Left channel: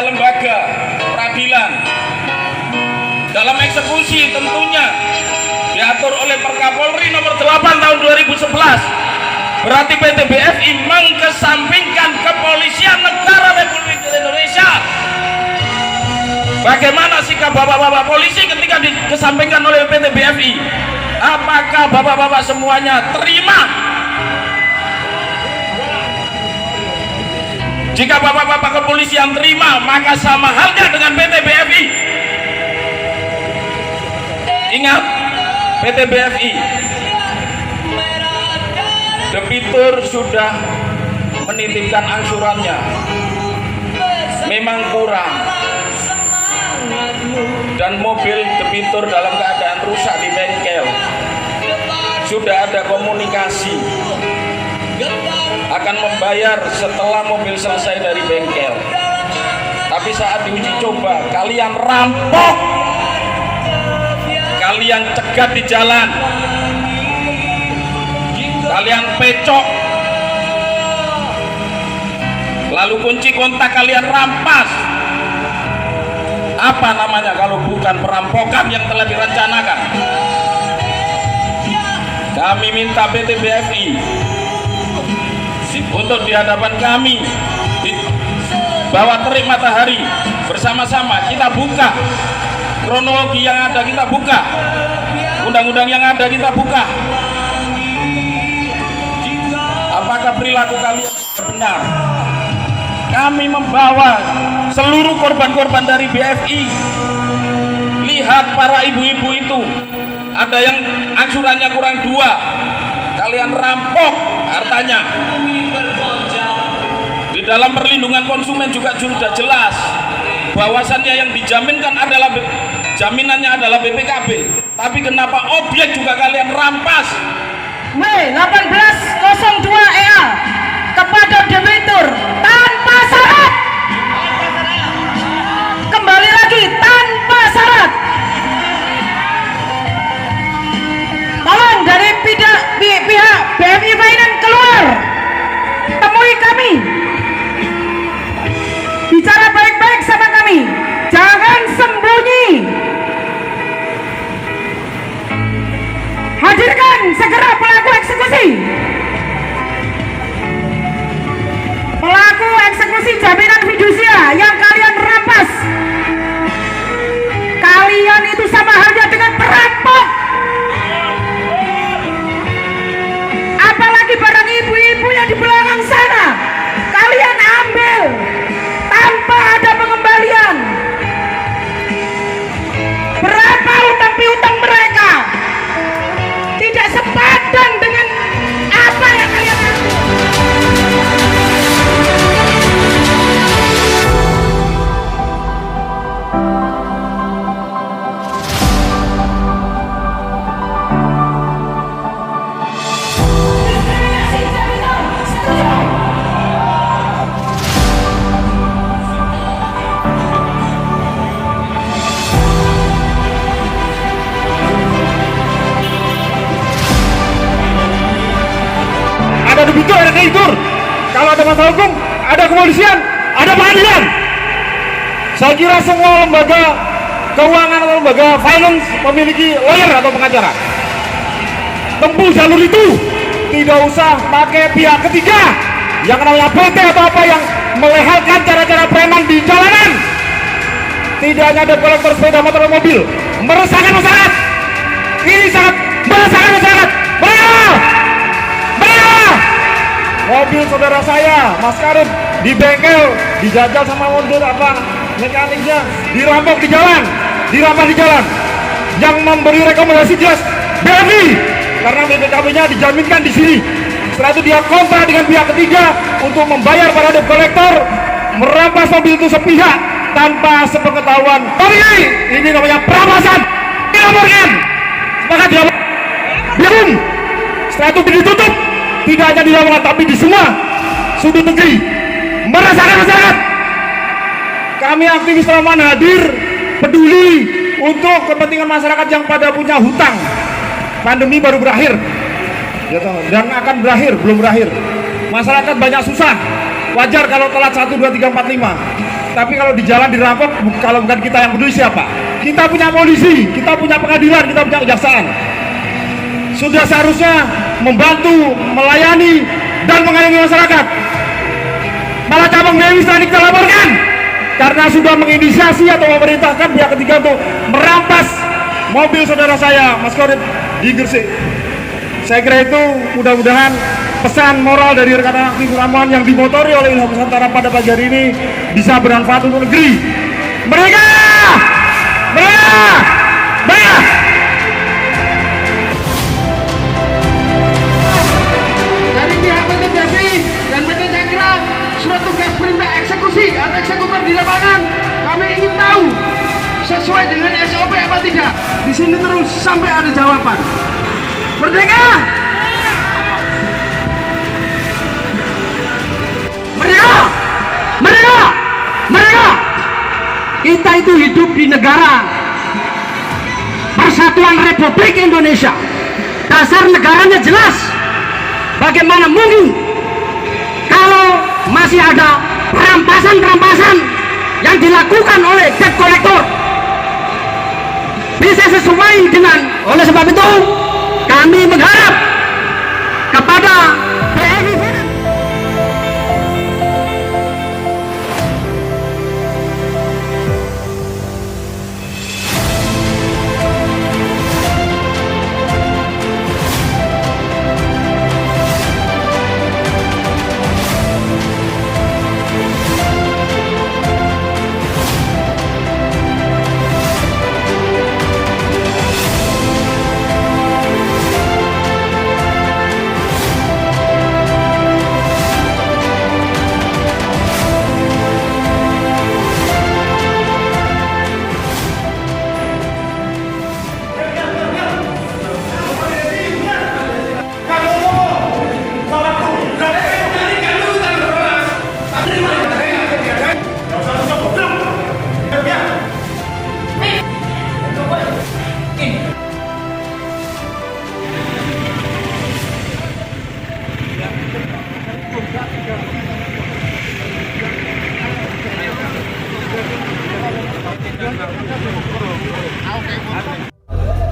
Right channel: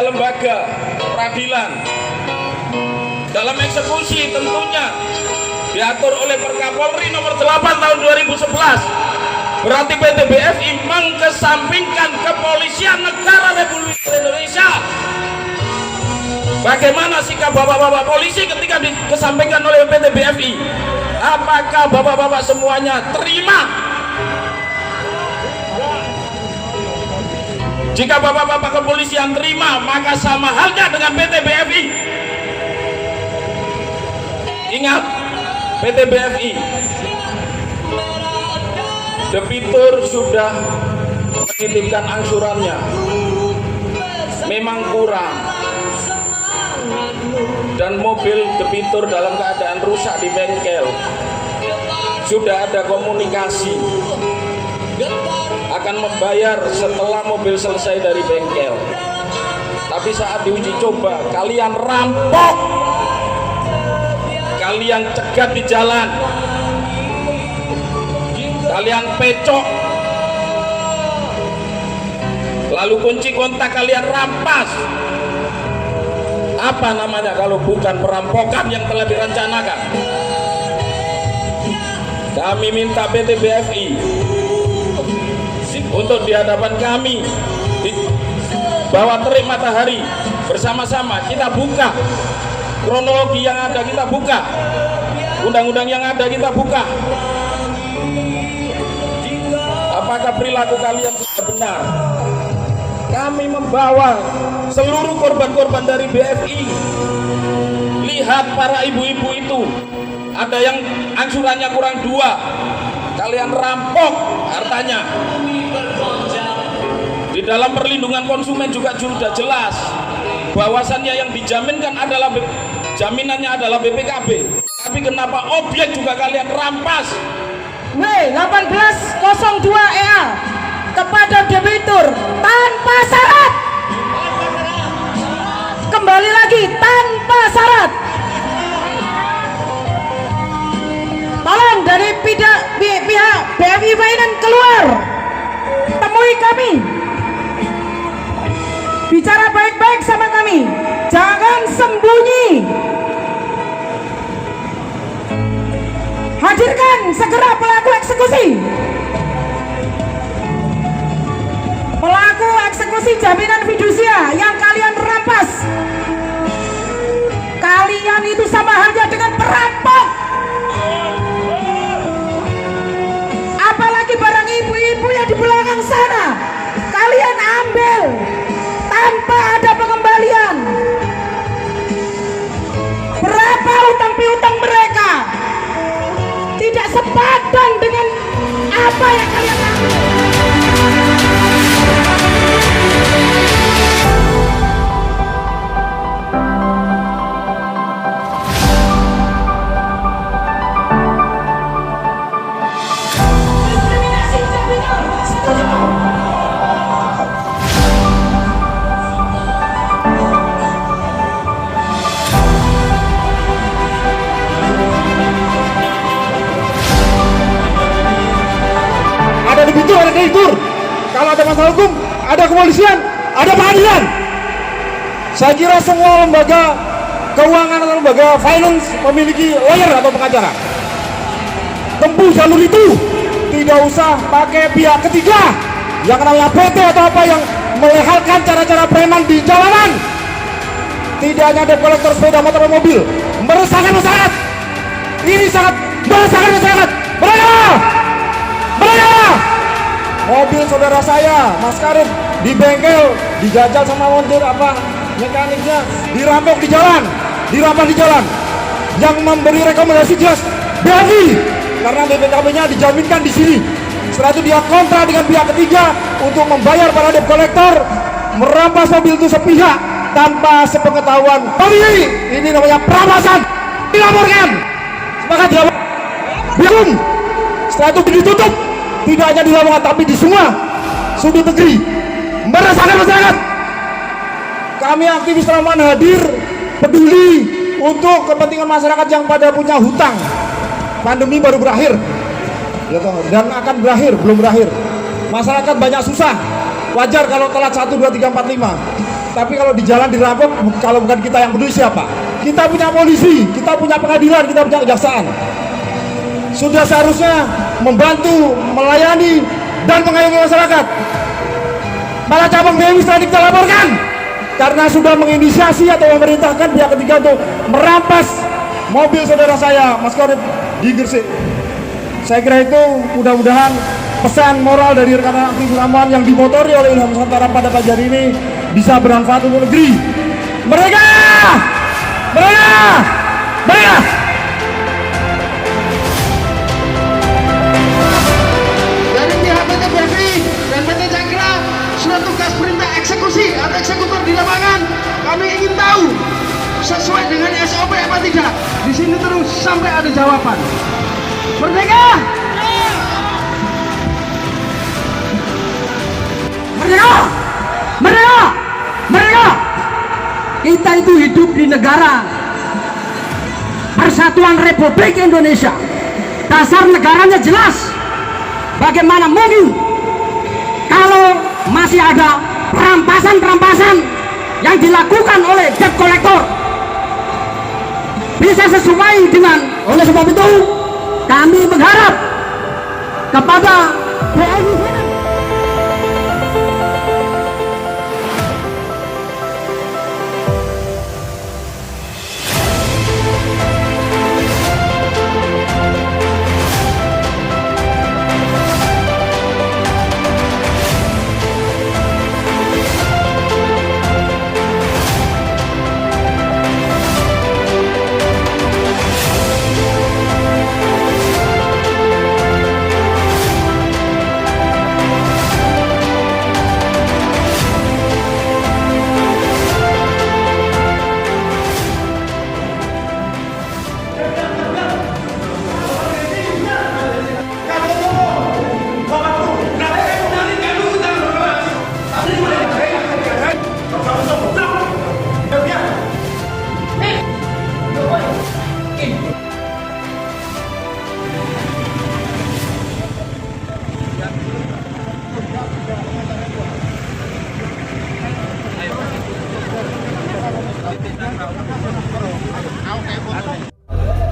ada lembaga peradilan. Dalam eksekusi tentunya diatur oleh Perkapolri nomor 8 tahun 2011. Berarti PT BFI mengesampingkan kepolisian negara Republik Indonesia. Bagaimana sikap bapak-bapak polisi ketika dikesampingkan oleh PT BFI? Apakah bapak-bapak semuanya terima? Jika bapak-bapak kepolisian terima, maka sama halnya dengan PT BFI. Ingat, PT BFI, debitur sudah menitipkan angsurannya, memang kurang, dan mobil debitur dalam keadaan rusak di bengkel. Sudah ada komunikasi akan membayar setelah mobil selesai dari bengkel. Tapi saat diuji coba, kalian rampok, kalian cegat di jalan, kalian pecok, lalu kunci kontak kalian rampas. Apa namanya kalau bukan perampokan yang telah direncanakan? Kami minta PT BFI untuk di hadapan kami, di bawah terik matahari, bersama-sama kita buka kronologi yang ada, kita buka undang-undang yang ada, kita buka apakah perilaku kalian sudah benar. Kami membawa seluruh korban-korban dari BFI. Lihat para ibu-ibu itu, ada yang angsurannya kurang 2, kalian rampok hartanya. Di dalam perlindungan konsumen juga sudah jelas bahwasannya yang dijaminkan adalah jaminannya adalah BPKB, tapi kenapa objek juga kalian rampas? W1802 EA kepada debitur tanpa syarat. Kembali lagi, tanpa syarat. Tolong dari pihak BFI Finance keluar, temui kami, bicara baik-baik sama kami, jangan sembunyi. Hadirkan segera pelaku eksekusi. Pelaku eksekusi jaminan fidusia yang kalian rampas. Kalian itu sama halnya dengan perampok. Apalagi barang ibu-ibu yang di belakang sana, kalian ambil tanpa ada pengembalian. Berapa utang piutang mereka? Tidak sepadan dengan apa yang kalian lakukan. Ada kreditur, kalau ada masalah hukum, ada kepolisian, ada pengadilan. Saya kira semua lembaga keuangan atau lembaga finance memiliki lawyer atau pengacara. Tempuh jalur itu, tidak usah pakai pihak ketiga yang namanya PT atau apa yang melehalkan cara-cara preman di jalanan. Tidak hanya ada kolektor sepeda motor dan mobil, meresahkan masyarakat. Ini sangat meresahkan masyarakat. Mobil saudara saya, Mas Karim, di bengkel, dijajal sama montir apa mekaniknya, dirampok di jalan, dirampas di jalan. Yang memberi rekomendasi jelas BFI, karena BPKB-nya dijaminkan di sini. Setelah itu dia kontra dengan pihak ketiga untuk membayar para debt collector, merampas mobil itu sepihak tanpa sepengetahuan. Tapi ini namanya perampasan. Dilaporkan, sepakat dia. Biarkan. Setelah itu ditutup. Tidak hanya di Lamongan tapi di semua sudut negeri, merasakan masyarakat. Kami aktivis Lamongan hadir peduli untuk kepentingan masyarakat yang pada punya hutang. Pandemi baru berakhir dan akan berakhir, belum berakhir. Masyarakat banyak susah, wajar kalau telat 1, 2, 3, 4, 5. Tapi kalau di jalan dirampok, kalau bukan kita yang peduli siapa? Kita punya polisi, kita punya pengadilan, kita punya kejaksaan. Sudah seharusnya membantu, melayani, dan mengayomi masyarakat. Malah cabang BNI setelah kita laporkan karena sudah menginisiasi atau memerintahkan pihak ketiga untuk merampas mobil saudara saya, Mas Korit, di Gresik. Saya kira itu mudah-mudahan pesan moral dari rekan aktif Lamongan yang dimotori oleh Ilham Nusantara pada pagi hari ini bisa bermanfaat untuk negeri. Mereka! Dari pihak PT BNI dan PT Cakra, surat tugas perintah eksekusi atau eksekutor di lapangan, kami ingin tahu sesuai dengan SOP apa tidak. Di sini terus sampai ada jawaban. Merdeka! Merdeka! Merdeka! Merdeka! Kita itu hidup di negara Persatuan Republik Indonesia. Dasar negaranya jelas. Bagaimana mungkin kalau masih ada perampasan-perampasan yang dilakukan oleh debt collector bisa sesuai dengan. Oleh sebab itu kami mengharap kepada BNI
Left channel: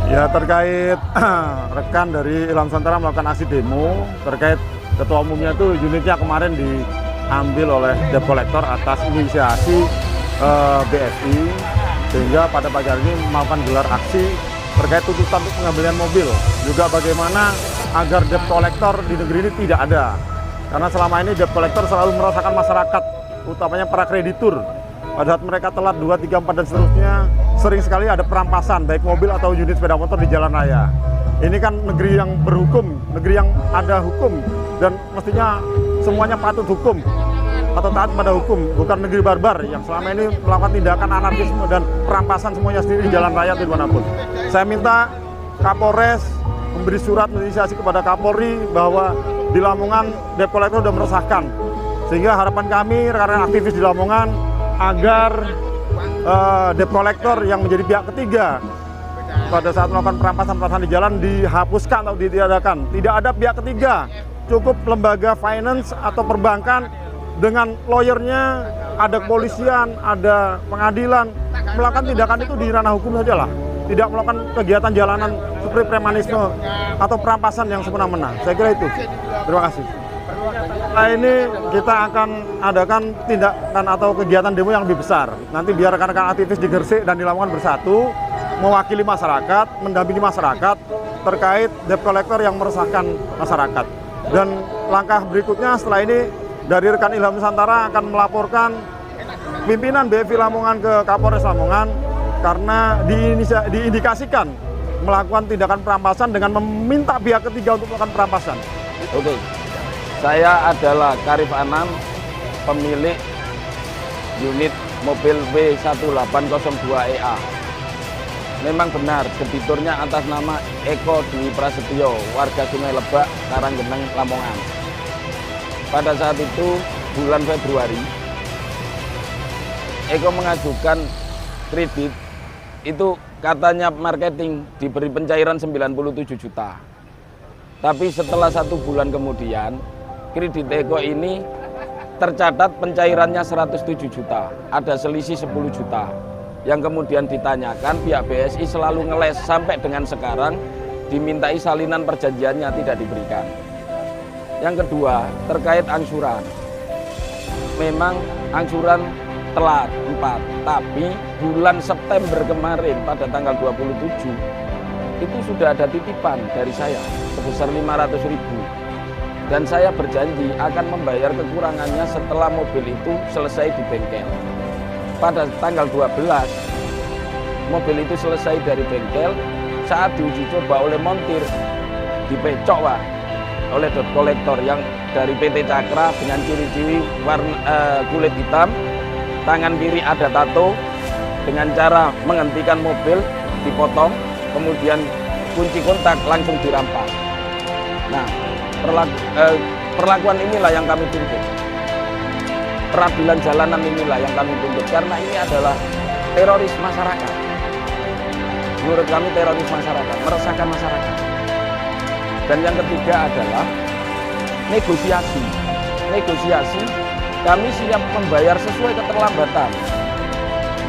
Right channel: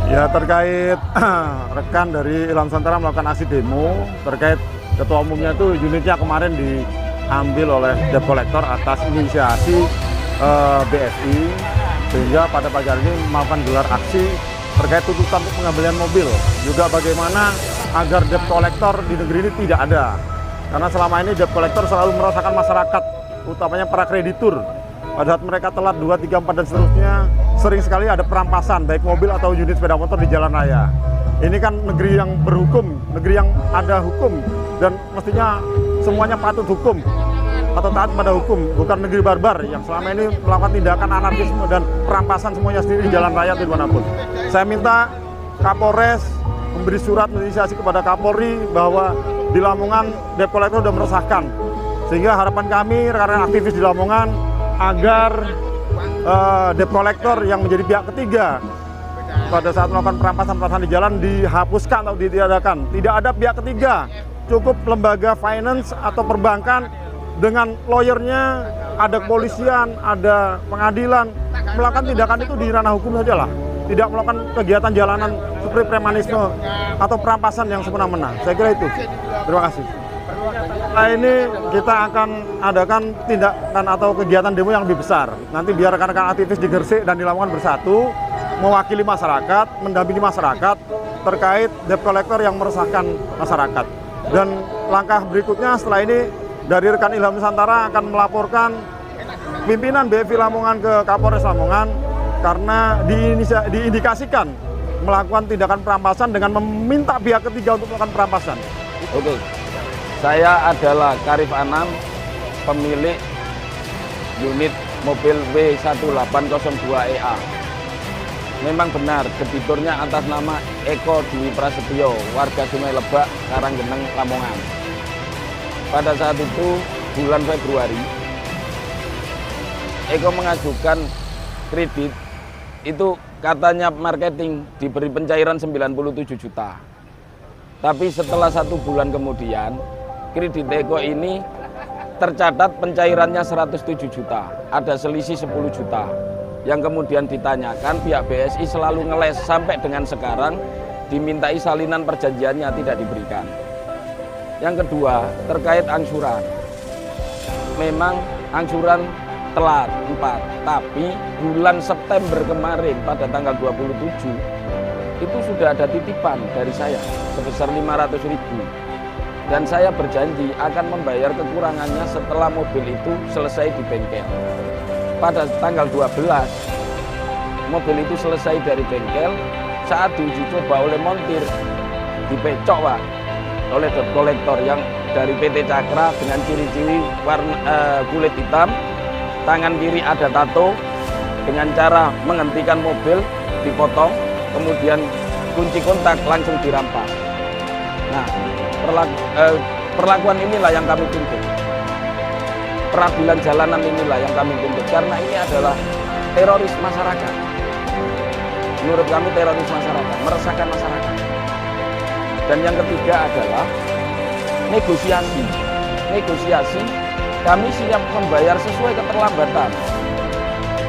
Ya, terkait rekan dari Ilham Nusantara melakukan aksi demo terkait ketua umumnya itu unitnya kemarin diambil oleh debt collector atas inisiasi BSI, sehingga pada pagi hari ini melakukan gelar aksi terkait tuntutan untuk pengambilan mobil, juga bagaimana agar debt collector di negeri ini tidak ada, karena selama ini debt collector selalu merasakan masyarakat, utamanya para kreditur. Pada saat mereka telat 2, 3, 4 dan seterusnya, sering sekali ada perampasan baik mobil atau unit sepeda motor di jalan raya. Ini kan negeri yang berhukum, negeri yang ada hukum, dan mestinya semuanya patut hukum atau taat pada hukum, bukan negeri barbar yang selama ini melakukan tindakan anarkisme dan perampasan semuanya sendiri di jalan raya atau dimanapun. Saya minta Kapolres memberi surat inisiasi kepada Kapolri bahwa di Lamongan debt collector sudah meresahkan, sehingga harapan kami rekan-rekan aktivis di Lamongan agar debt collector yang menjadi pihak ketiga pada saat melakukan perampasan-perampasan di jalan dihapuskan atau ditiadakan. Tidak ada pihak ketiga, cukup lembaga finance atau perbankan dengan lawyernya, ada kepolisian, ada pengadilan, melakukan tindakan itu di ranah hukum saja lah. Tidak melakukan kegiatan jalanan seperti premanisme atau perampasan yang semena-mena. Saya kira itu. Terima kasih. Nah, ini kita akan adakan tindakan atau kegiatan demo yang lebih besar. Nanti biar rekan-rekan aktivis di Gresik dan di Lamongan bersatu, mewakili masyarakat, mendampingi masyarakat terkait debt collector yang meresahkan masyarakat. Dan langkah berikutnya setelah ini dari rekan Ilham Nusantara akan melaporkan pimpinan BFI Lamongan ke Kapolres Lamongan karena diindikasikan melakukan tindakan perampasan dengan meminta pihak ketiga untuk melakukan perampasan. Oke. Saya adalah Karif Anam, pemilik unit mobil W1802EA. Memang benar, debiturnya atas nama Eko Dwi Prasetyo, warga Sungai Lebak, Karanggeneng, Lamongan. Pada saat itu, bulan Februari, Eko mengajukan kredit, itu katanya marketing, diberi pencairan 97 juta. Tapi setelah 1 bulan kemudian, kredit Eko ini tercatat pencairannya 107 juta, ada selisih 10 juta. Yang kemudian ditanyakan, pihak BSI selalu ngeles sampai dengan sekarang, dimintai salinan perjanjiannya tidak diberikan. Yang kedua, terkait angsuran. Memang angsuran telat 4, tapi bulan September kemarin pada tanggal 27 itu sudah ada titipan dari saya sebesar 500.000, dan saya berjanji akan membayar kekurangannya setelah mobil itu selesai di bengkel. Pada tanggal 12 mobil itu selesai dari bengkel, saat diuji coba oleh montir dipecok Pak, oleh debt collector yang dari PT Cakra dengan ciri-ciri warna kulit hitam, tangan kiri ada tato, dengan cara menghentikan mobil dipotong, kemudian kunci kontak langsung dirampas. Nah, perlakuan inilah yang kami tuntut. Peradilan jalanan inilah yang kami tuntut, karena ini adalah teroris masyarakat. Menurut kami teroris masyarakat, meresahkan masyarakat. Dan yang ketiga adalah negosiasi. Negosiasi, kami siap membayar sesuai keterlambatan,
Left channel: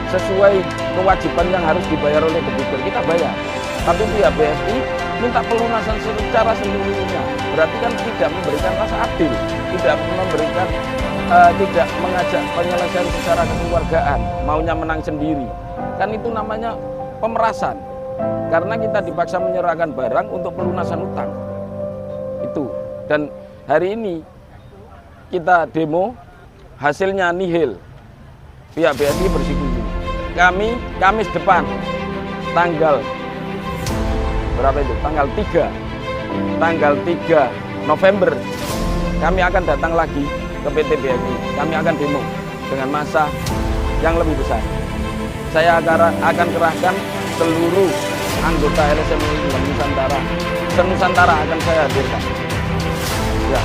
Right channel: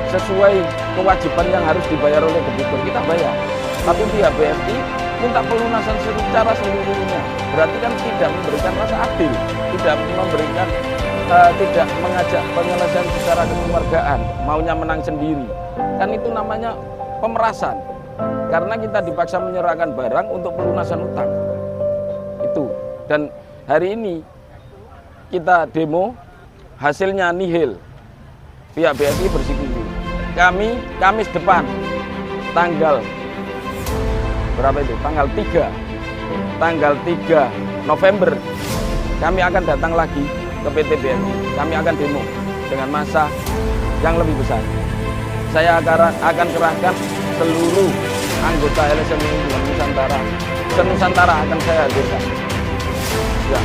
sesuai kewajiban yang harus dibayar oleh debitur, kita bayar. Tapi pihak BSI minta pelunasan secara seluruhnya, berarti kan tidak memberikan rasa adil, tidak memberikan, tidak mengajak penyelesaian secara kekeluargaan, maunya menang sendiri. Kan itu namanya pemerasan, karena kita dipaksa menyerahkan barang untuk pelunasan utang. Itu. Dan hari ini kita demo, hasilnya nihil. Pihak BSI bersikuku. Kami Kamis depan tanggal berapa itu? Tanggal 3 November kami akan datang lagi ke PT BSI. Kami akan demo dengan massa yang lebih besar. Saya akan kerahkan seluruh anggota LSM Nusantara. Se-Nusantara akan saya hadirkan. Ya.